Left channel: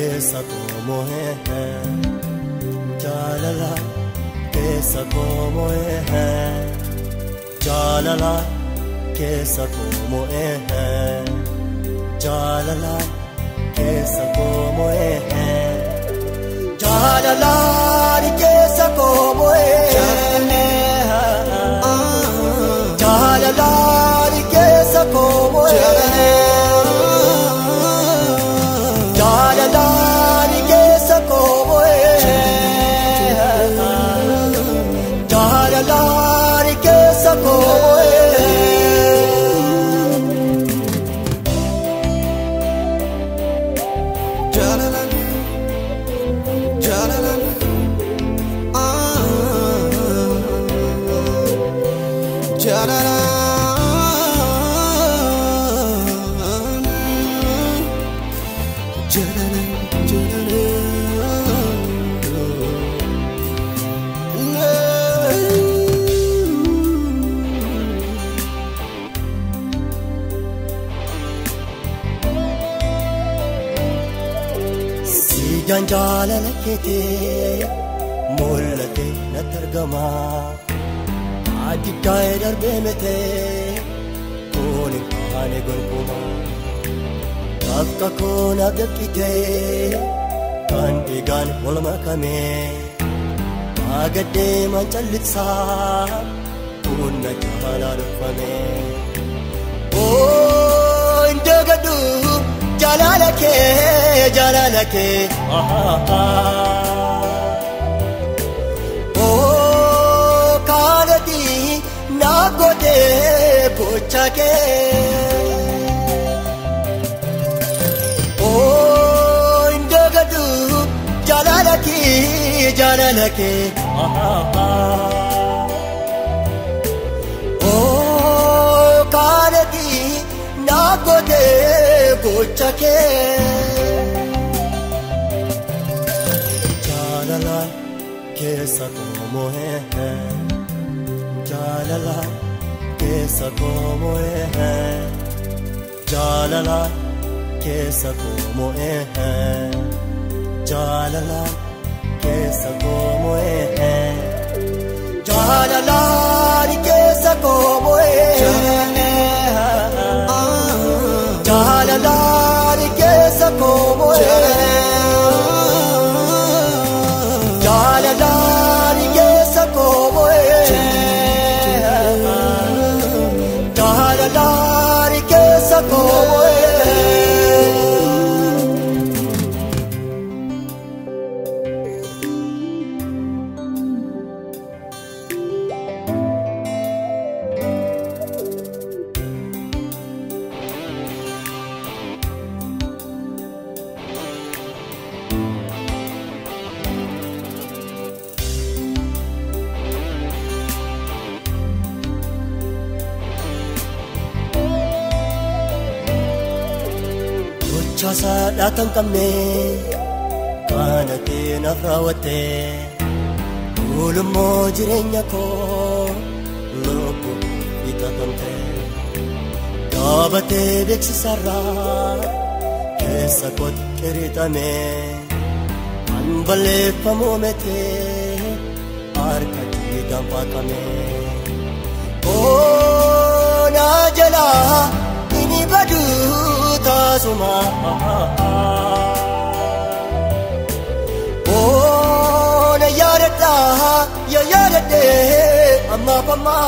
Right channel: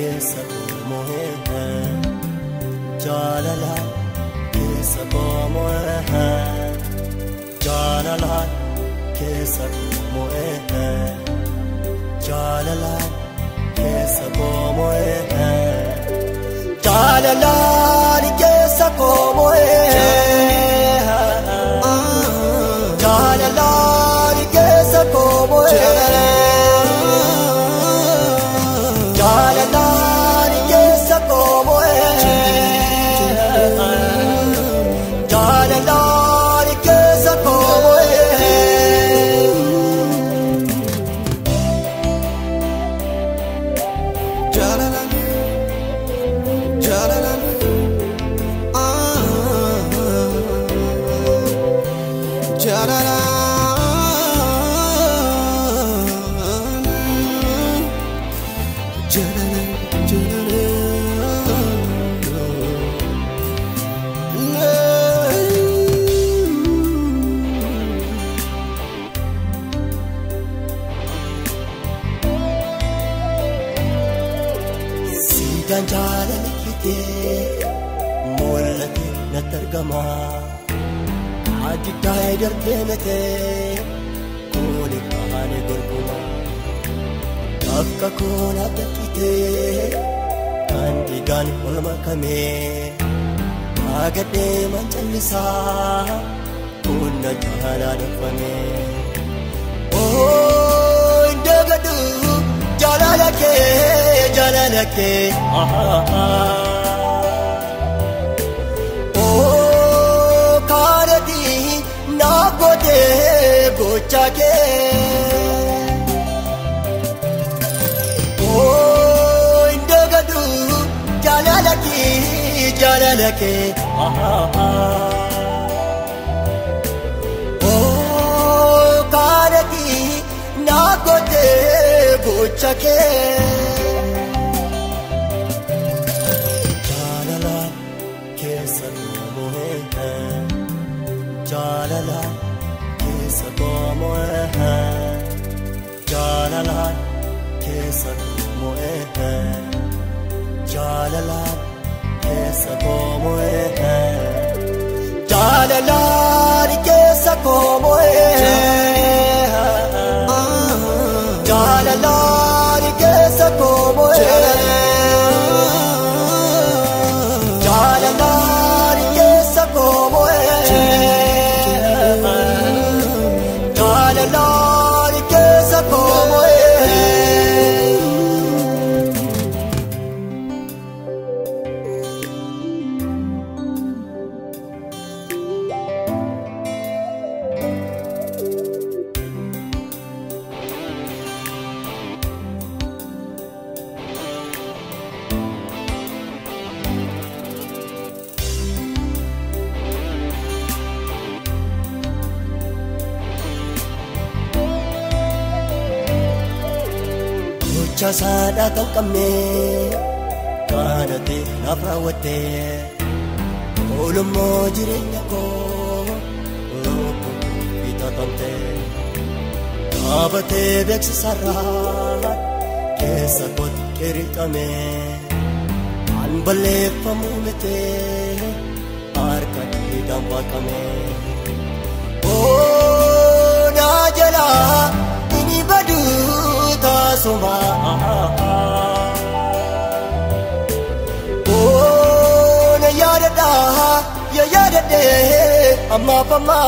keessa koomoe jaalala keessa koomoe jaalala keessa koomoe jaalala keessa koomoe jaalala keessa koomoe jaalala keessa koomoe Janjala kete mollate natargama adi kaidal bemete koni paale gorguma akka kona dakite kandigan molma kame agade manchalisa kunna jahara fane oh indagadu jalalake oh karati na kode gochake oh indagadu jalalake oh karati na kode gochake jaalala keessa koomoe jaalala keessa koomoe jaalala keessa koomoe jaalala keessa koomoe jaalala keessa koomoe Jasa datang kami, kana tena prawate, ulum mo jirenya ko, ulum ko itatonte, abate beksisara, kesa kot keritame, anbale pamomete, arka kitapakame, oh najela ini badu tasuma. Oh, na yarda, ya yarde, amma pama.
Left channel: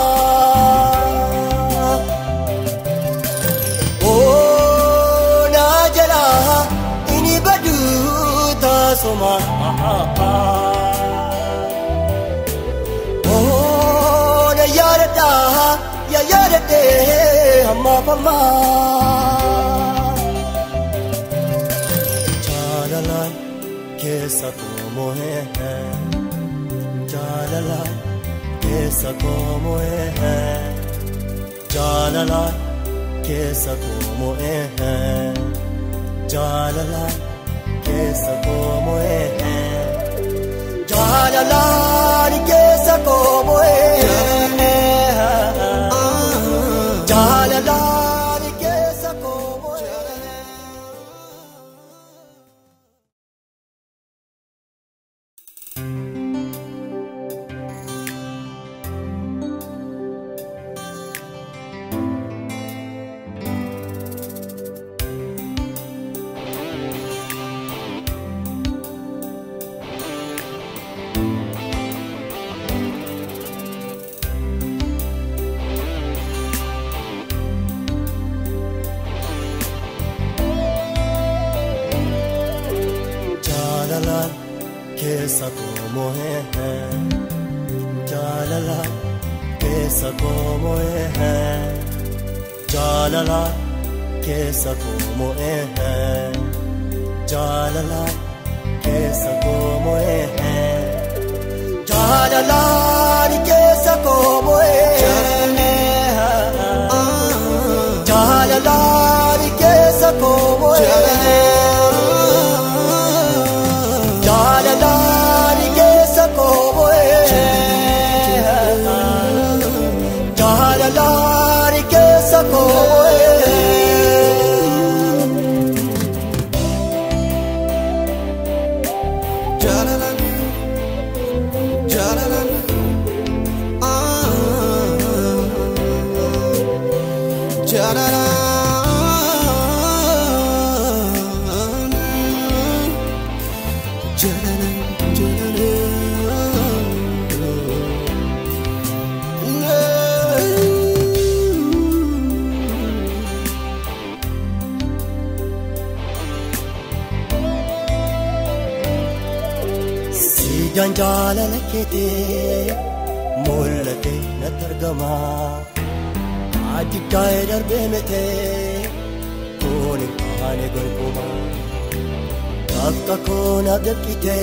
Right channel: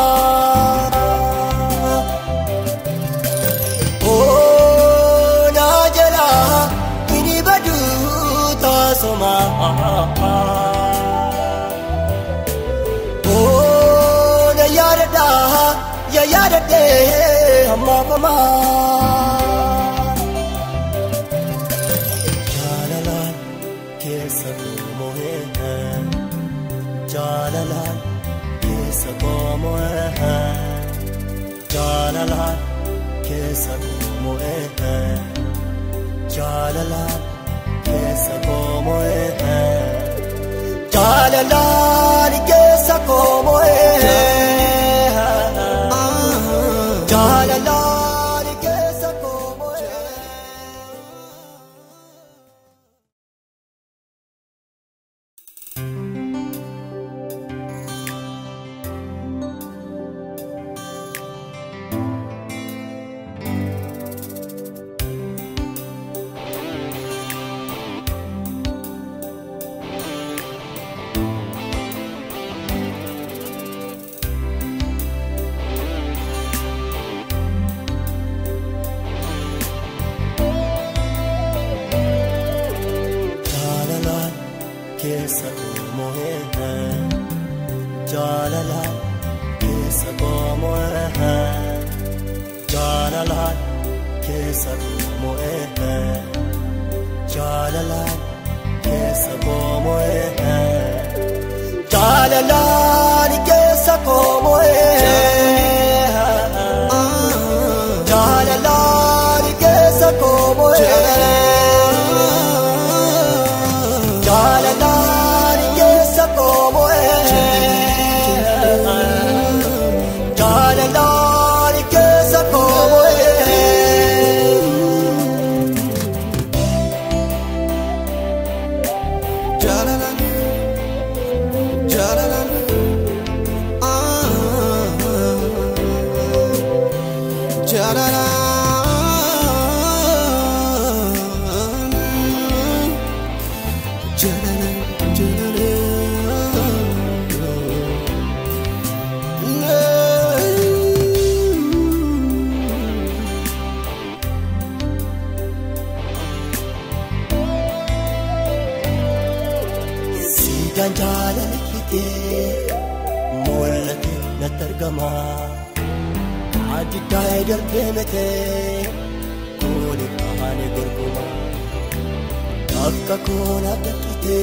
Oh, na jara, ini badu tasuma. Oh, na yarda, ya yarde, amma pama. Keessa koomoe jaalala keessa koomoe jaalala keessa koomoe jaalala keessa koomoe jaalala keessa koomoe. keessa koomoe jaalala keessa koomoe jaalala keessa koomoe jaalala keessa koomoe jaalala keessa koomoe jaalala keessa koomoe Janjala kete mollate natargama adi tayda benete koni paane gorguma akka kona dakite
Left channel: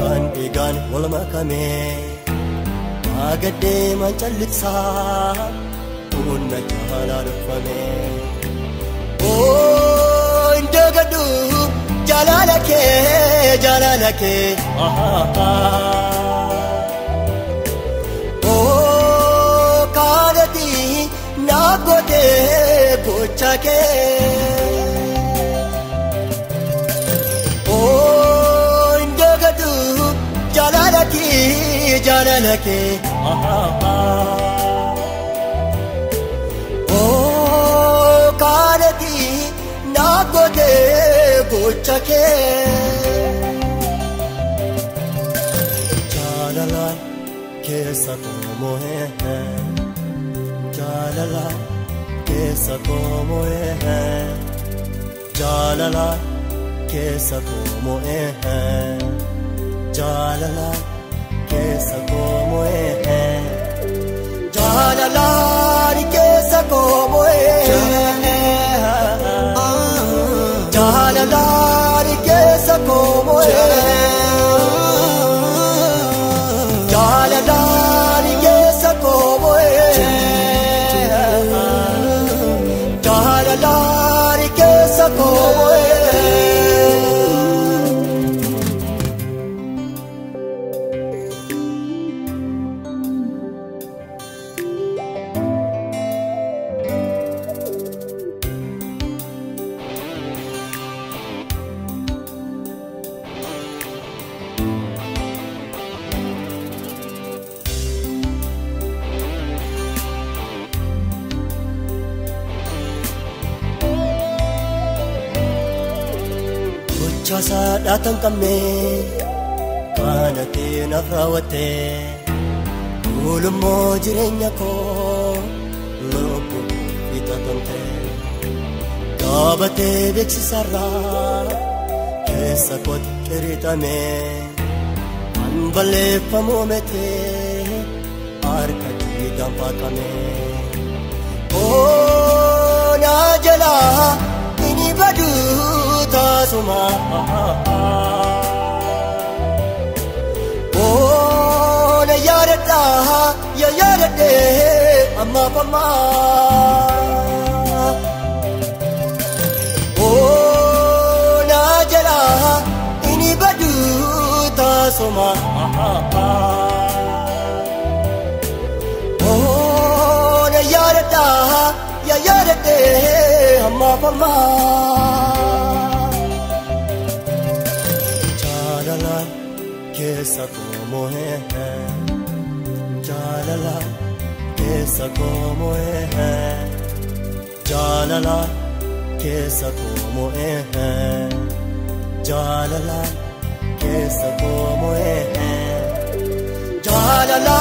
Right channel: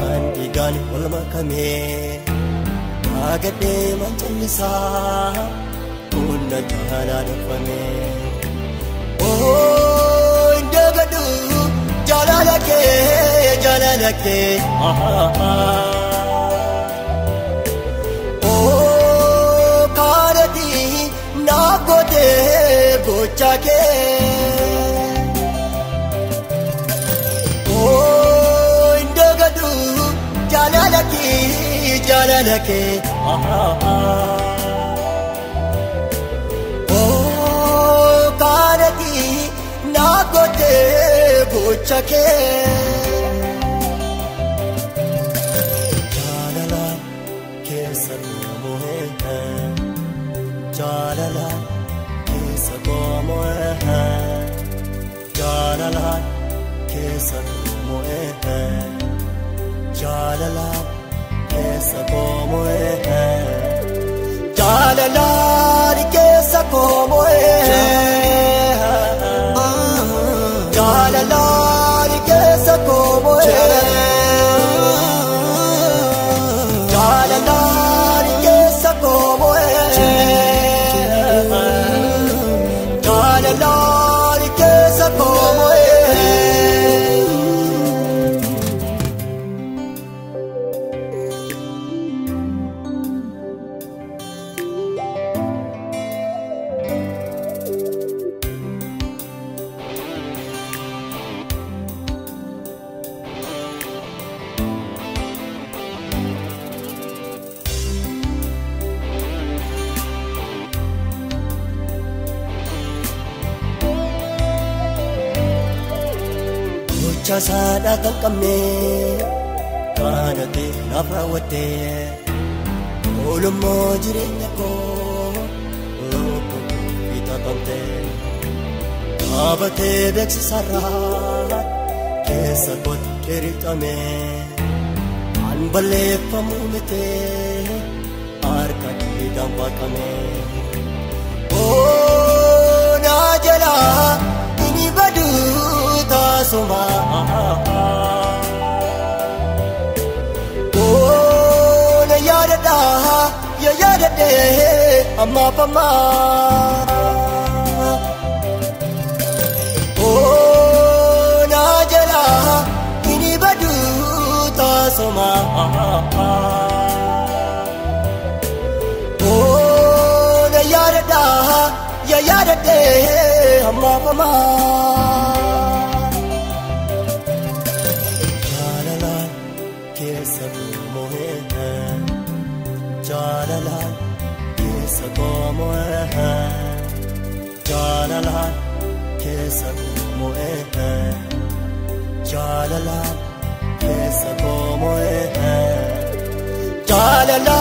kandigan olma kame agade manchalisa unna jara rufane oh indagadu jalalake oh karadi na gode bochake oh indagadu jalalake oh karadi na gode bochake keessa koomoe jaalala keessa koomoe jaalala keessa koomoe jaalala keessa koomoe jaalala keessa koomoe jaalala keessa koomoe Chasa datang kami kana tena prawate ulum mo jirenya ko ulum kita tonte abate beksara kesa kot keritame anbale pamomete arka kita pakane oh najala ini badu tasuma oh na yarada ya yarade amma pama oh na jara ini badu tasuma oh na yarada ya yarade amma pama keessa koomoe jaalala keessa koomoe jaalala keessa koomoe jaalala keessa koomoe jaalala